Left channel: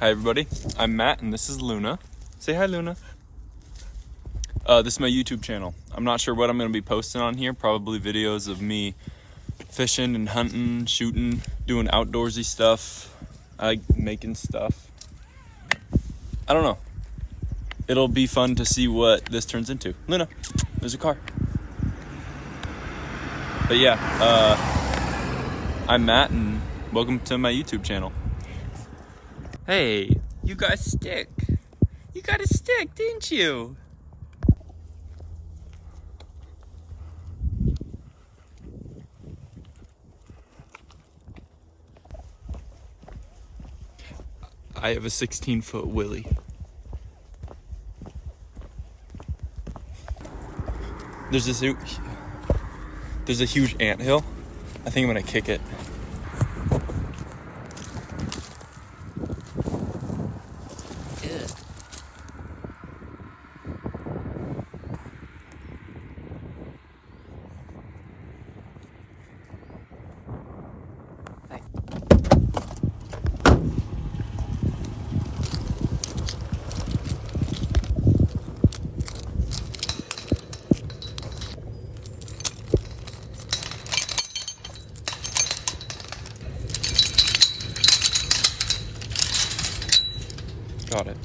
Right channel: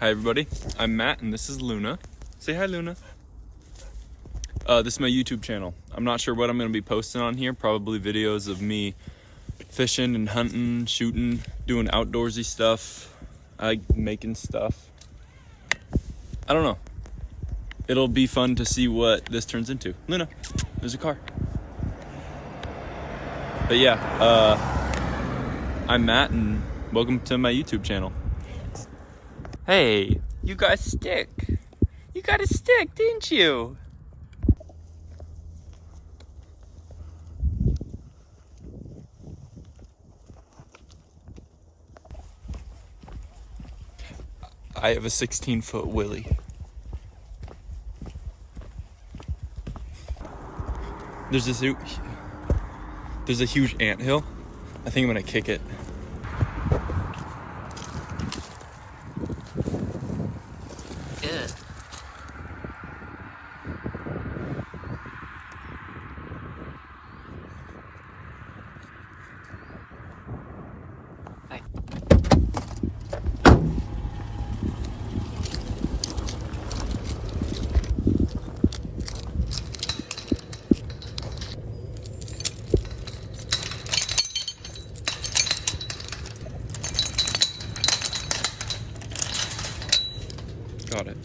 Hi everybody, I'm Matt and this is Luna. Say hi, Luna. This is my YouTube channel. I'm not sure what I'm going to be posting on here. Probably videos of me fishing and hunting, shooting, doing outdoorsy stuff. I like making stuff. I don't know. It'll be fun to see what this turns into. Luna, there's a car. But yeah, I'm Matt and welcome to my YouTube channel. Hey, you got a stick. You got a stick, didn't you? I have a 16-foot willy. There's a huge anthill. I think I'm gonna kick it. Ugh. Hi. Got it.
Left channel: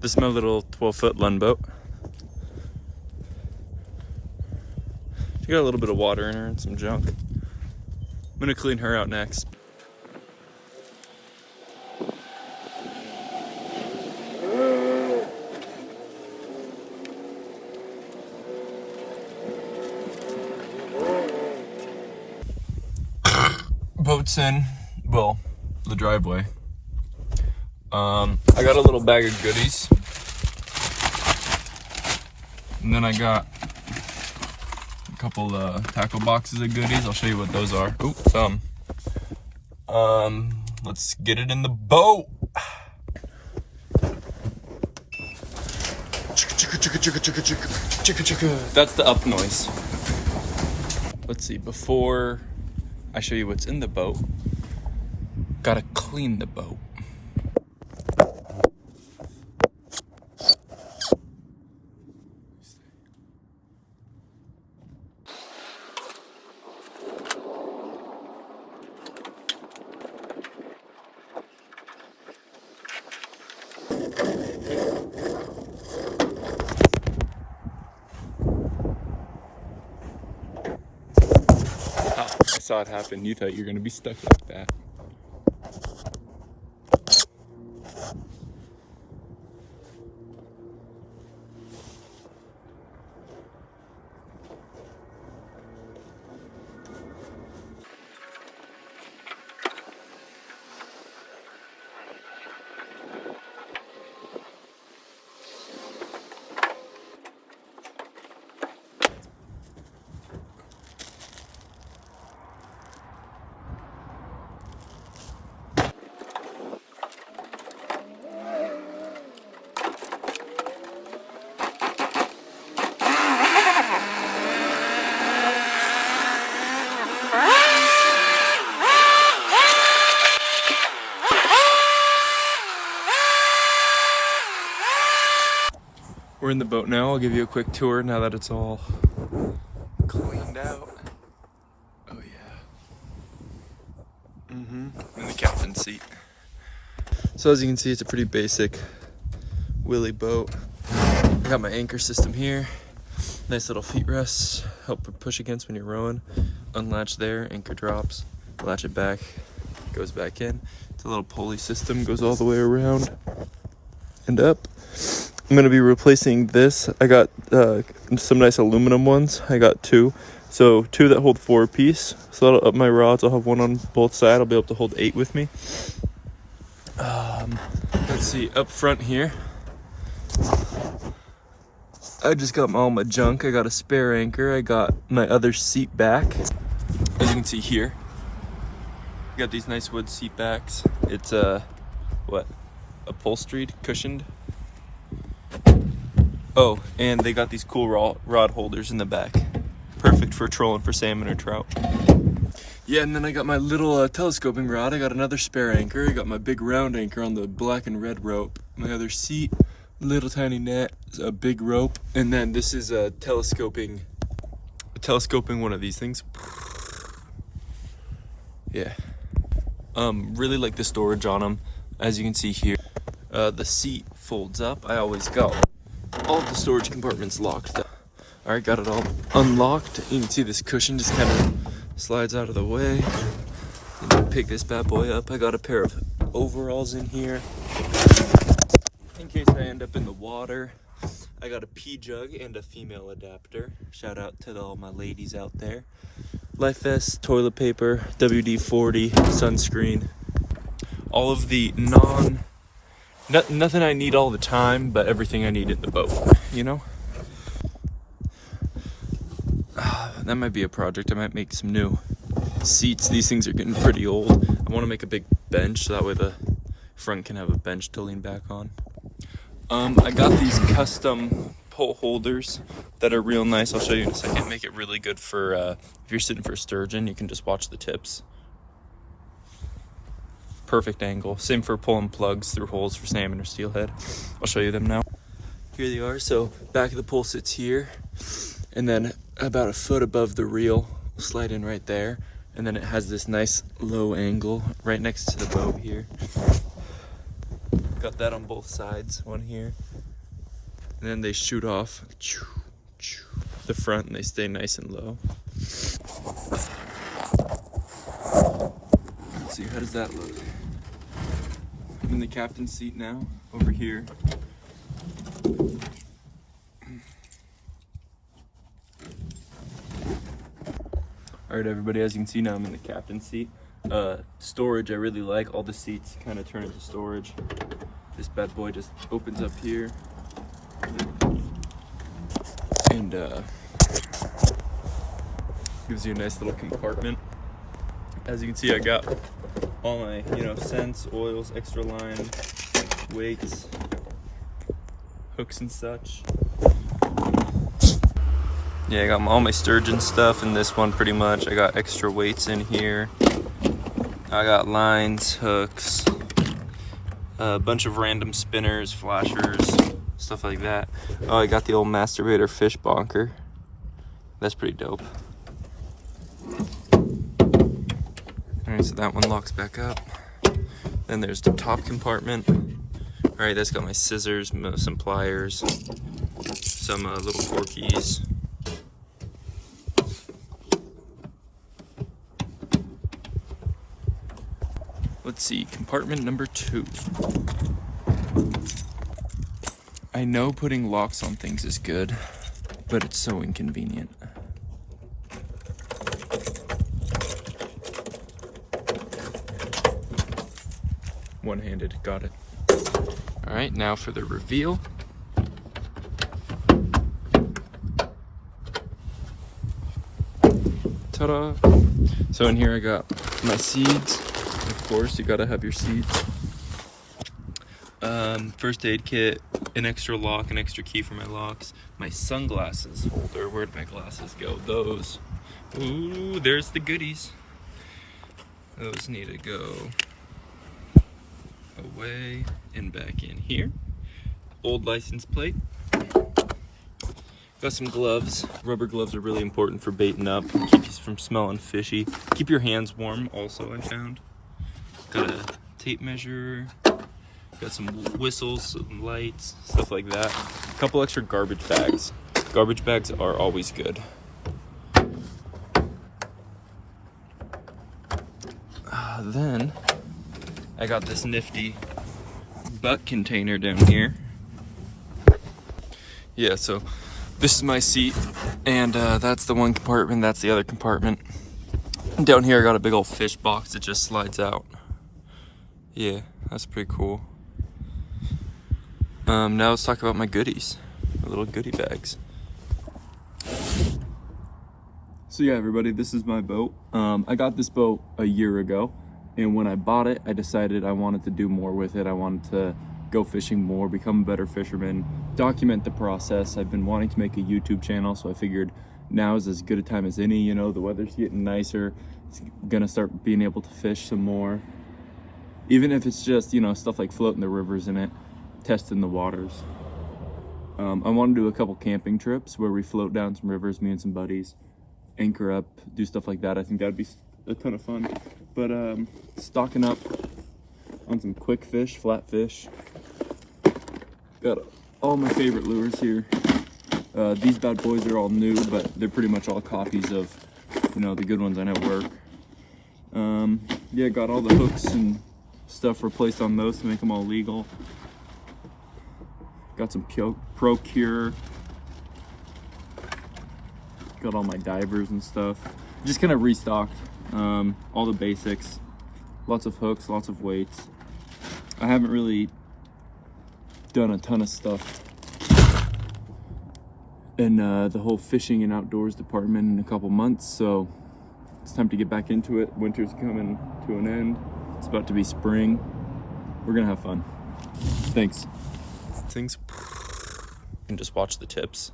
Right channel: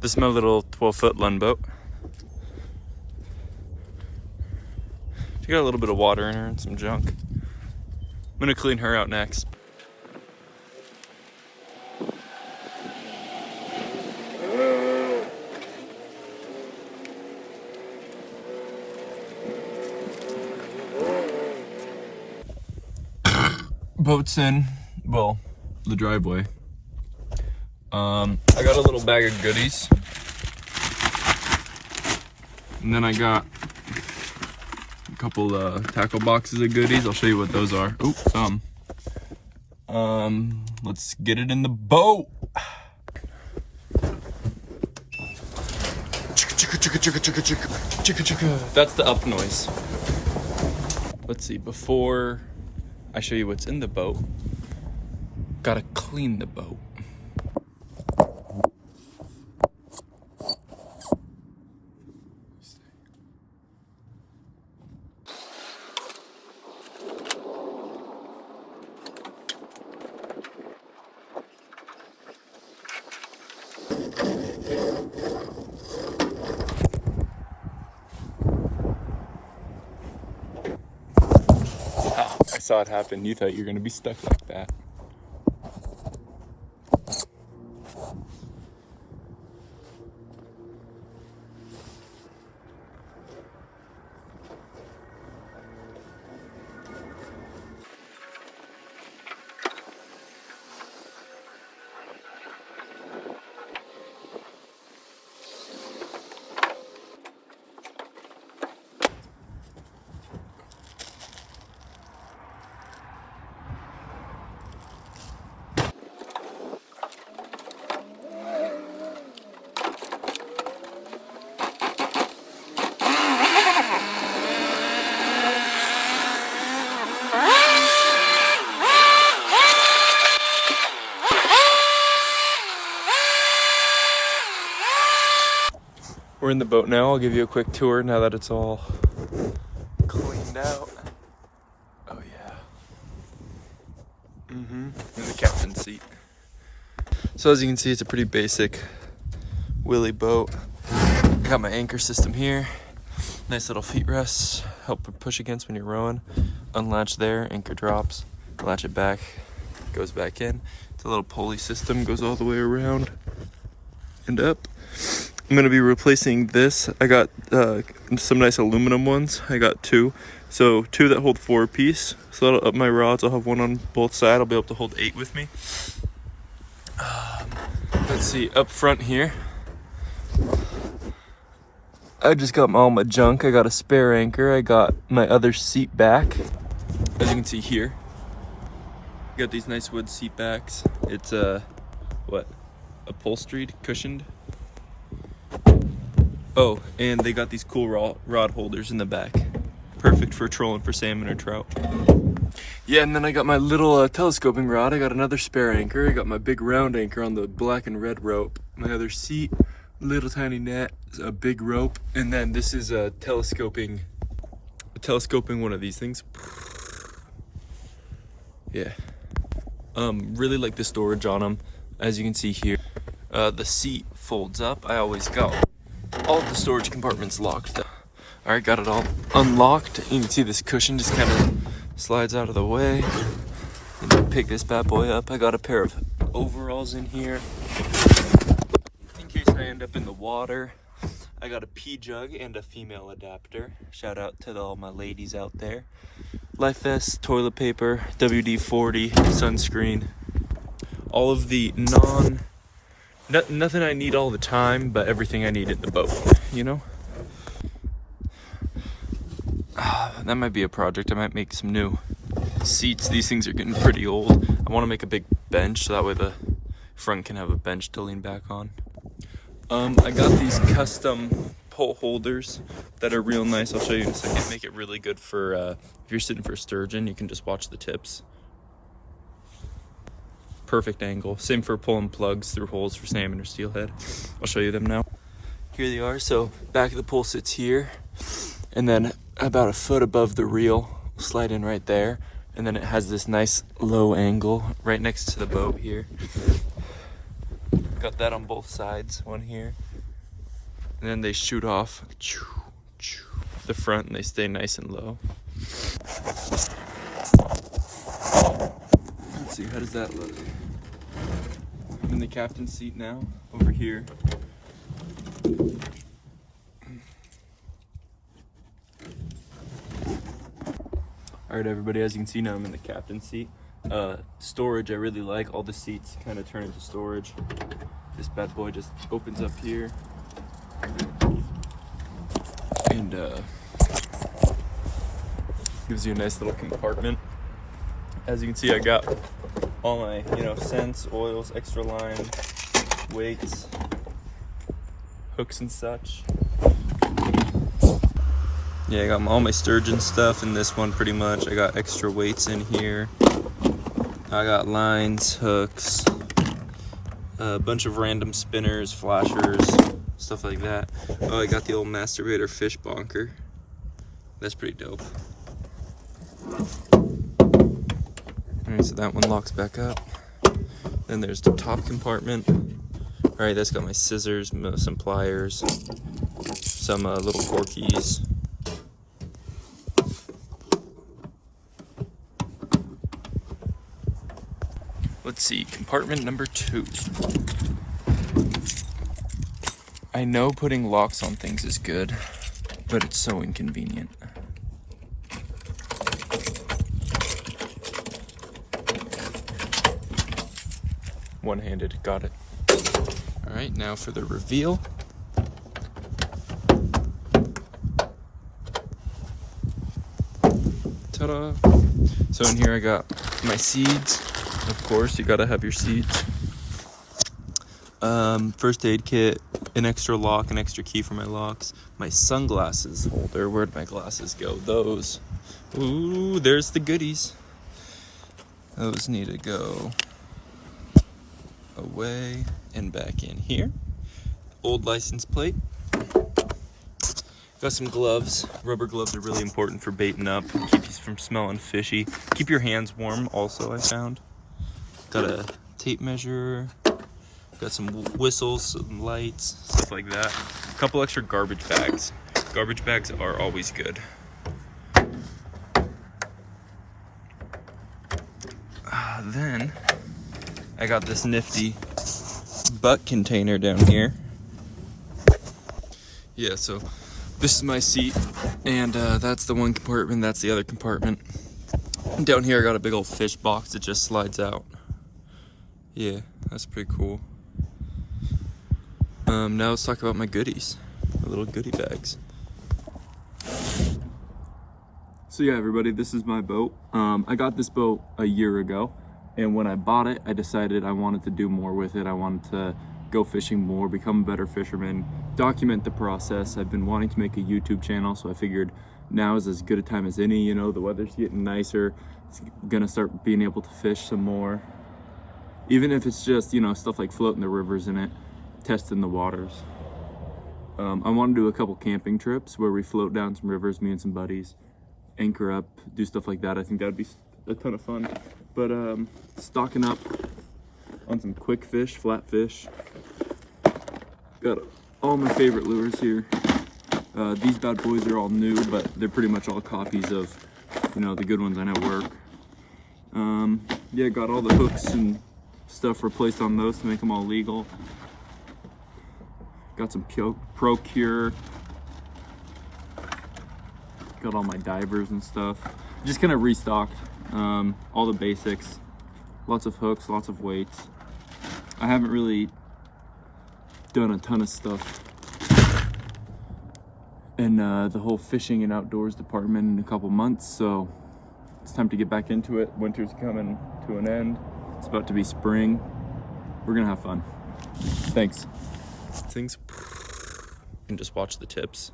This is my little 12-foot Lund boat. She got a little bit of water in her and some junk. I'm gonna clean her out next. Boat's in, well, the driveway. I got a little bag of goodies. And then I got a couple tackle boxes of goodies. I'll show you what those are. Ooh, some. Let's get it in the boat. That's the up noise. Let's see, before I show you what's in the boat, gotta clean the boat. Oh, I saw it happen. You thought you were gonna be stuck like that. We're in the boat now. I'll give you a quick tour now that it's all cleaned out. Oh yeah. In the captain's seat. So as you can see, it's a pretty basic Willie boat. I got my anchor system here. Nice little feet rests, help push against when you're rowing. Unlatch there, anchor drops, latch it back, goes back in. It's a little pulley system, goes all the way around and up. I'm gonna be replacing this. I got some nice aluminum ones. I got two. So 2 that hold 4 apiece. So that'll up my rods. I'll have one on both sides. I'll be able to hold 8 with me. Let's see, up front here, I just got all my junk. I got a spare anchor. I got my other seat back. As you can see here, got these nice wood seat backs. It's upholstered, cushioned. Oh, and they got these cool rod holders in the back. Perfect for trolling for salmon or trout. Yeah, and then I got my little telescoping rod. I got another spare anchor. I got my big round anchor on the black and red rope. My other seat, little tiny net, a big rope, and then this is a telescoping one of these things. Yeah. Really like the storage on them. As you can see here, the seat folds up. I always got all of the storage compartments locked up. All right, got it all unlocked. You can see this cushion just kind of slides out of the way. And then pick this bad boy up. I got a pair of overalls in here in case I end up in the water. I got a pee jug and a female adapter. Shout out to all my ladies out there. Life vest, toilet paper, WD-40, sunscreen. All of the nothing I need all the time, but everything I need in the boat, you know? That might be a project. I might make some new seats. These things are getting pretty old. I want to make a big bench so that way the front can have a bench to lean back on. I got these custom pole holders that are real nice. I'll show you in a second. Make it really good for if you're sitting for sturgeon, you can just watch the tips. Perfect angle. Same for pulling plugs through holes for salmon or steelhead. I'll show you them now. Here they are. So back of the pole sits here, and then about a foot above the reel, slide in right there, and then it has this nice low angle right next to the boat here. Got that on both sides, one here, and then they shoot off the front and they stay nice and low. Let's see, how does that look? I'm in the captain's seat now, over here. All right, everybody, as you can see now, I'm in the captain's seat. Storage, I really like. All the seats kind of turn into storage. This bad boy just opens up here. And gives you a nice little compartment. As you can see, I got all my, scents, oils, extra line, weights, hooks and such. Yeah, I got all my sturgeon stuff in this one pretty much. I got extra weights in here. I got lines, hooks, a bunch of random spinners, flashers, stuff like that. Oh, I got the old masturbator fish bonker. That's pretty dope. Alright, so that one locks back up. Then there's the top compartment. Alright, that's got my scissors, some pliers, some little forkies. Let's see, compartment number 2. I know putting locks on things is good, but it's so inconvenient. One-handed, got it. All right, now for the reveal. Ta-da! So in here I got my seeds. Of course, you gotta have your seeds. First aid kit, an extra lock, an extra key for my locks, my sunglasses. Where'd my glasses go? Those. Ooh, there's the goodies. Those need to go away and back in here. Old license plate. Got some gloves. Rubber gloves are really important for baiting up. Keep you from smelling fishy. Keep your hands warm also, I found. Got a tape measure. Got some whistles, some lights, stuff like that. A couple extra garbage bags. Garbage bags are always good. Then I got this nifty butt container down here. Yeah, so this is my seat, and that's the one compartment, that's the other compartment. And down here I got a big old fish box that just slides out. Yeah, that's pretty cool. Now let's talk about my goodies, my little goodie bags. So yeah, everybody, this is my boat. I got this boat a year ago, and when I bought it, I decided I wanted to do more with it. I wanted to go fishing more, become a better fisherman, document the process. I've been wanting to make a YouTube channel, so I figured now is as good a time as any. You know, the weather's getting nicer. It's gonna start being able to fish some more. Even if it's just, you know, stuff like floating the rivers in it, testing the waters. I want to do a couple camping trips where we float down some rivers, me and some buddies, anchor up, do stuff like that. I think that'd be a ton of fun. But stocking up on some quick fish, flat fish. Got all my favorite lures here. These bad boys are all new, but they're pretty much all copies of, you know, the good ones I know work. Yeah, got all the hooks and stuff replaced on those to make them all legal. Got some Procure. Got all my divers and stuff. Just kind of restocked all the basics. Lots of hooks, lots of weights. I haven't really done a ton of stuff in the whole fishing and outdoors department in a couple months, so it's time to get back into it. Winter's coming to an end. It's about to be spring. We're gonna have fun. Thanks. Things, and just watch the tips.